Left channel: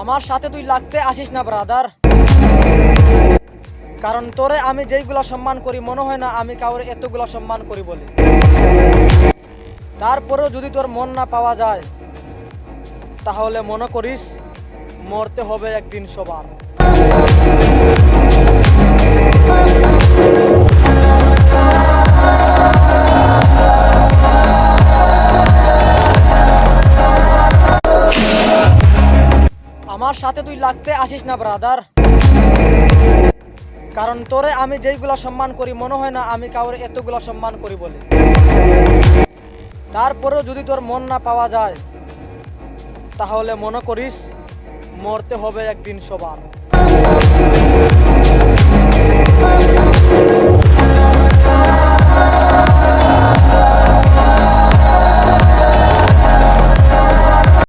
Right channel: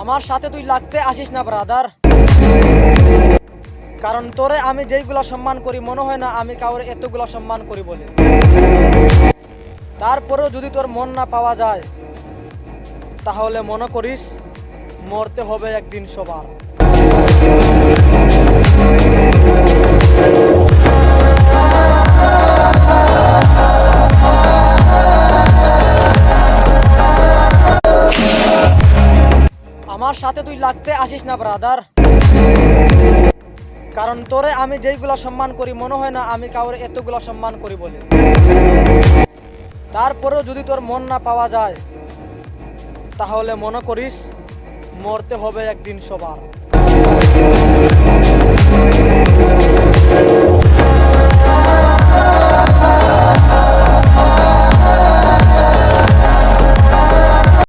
আমার সাথে তুই লাগতে আসিস না ব্রাদার, কারণ তোরে আমি যেইগুলা সম্মান করি মনে হয় না আমি কাউরে এতগুলা সম্মান করি বলে। তারপরেও যদি তোর মন না পাওয়া যায় তাহলে মনে করিস মরতে হবে একদিন সবার। আমার সাথে তুই লাগতে আসিস না ব্রাদার, কারণ তোরে আমি যেইগুলা সম্মান করি মনে হয় না আমি কাউরে এতগুলা সম্মান করি বলে। তারপরেও যদি তোর মন না পাওয়া যায় তাহলে মনে করিস মরতে হবে একদিন সবার।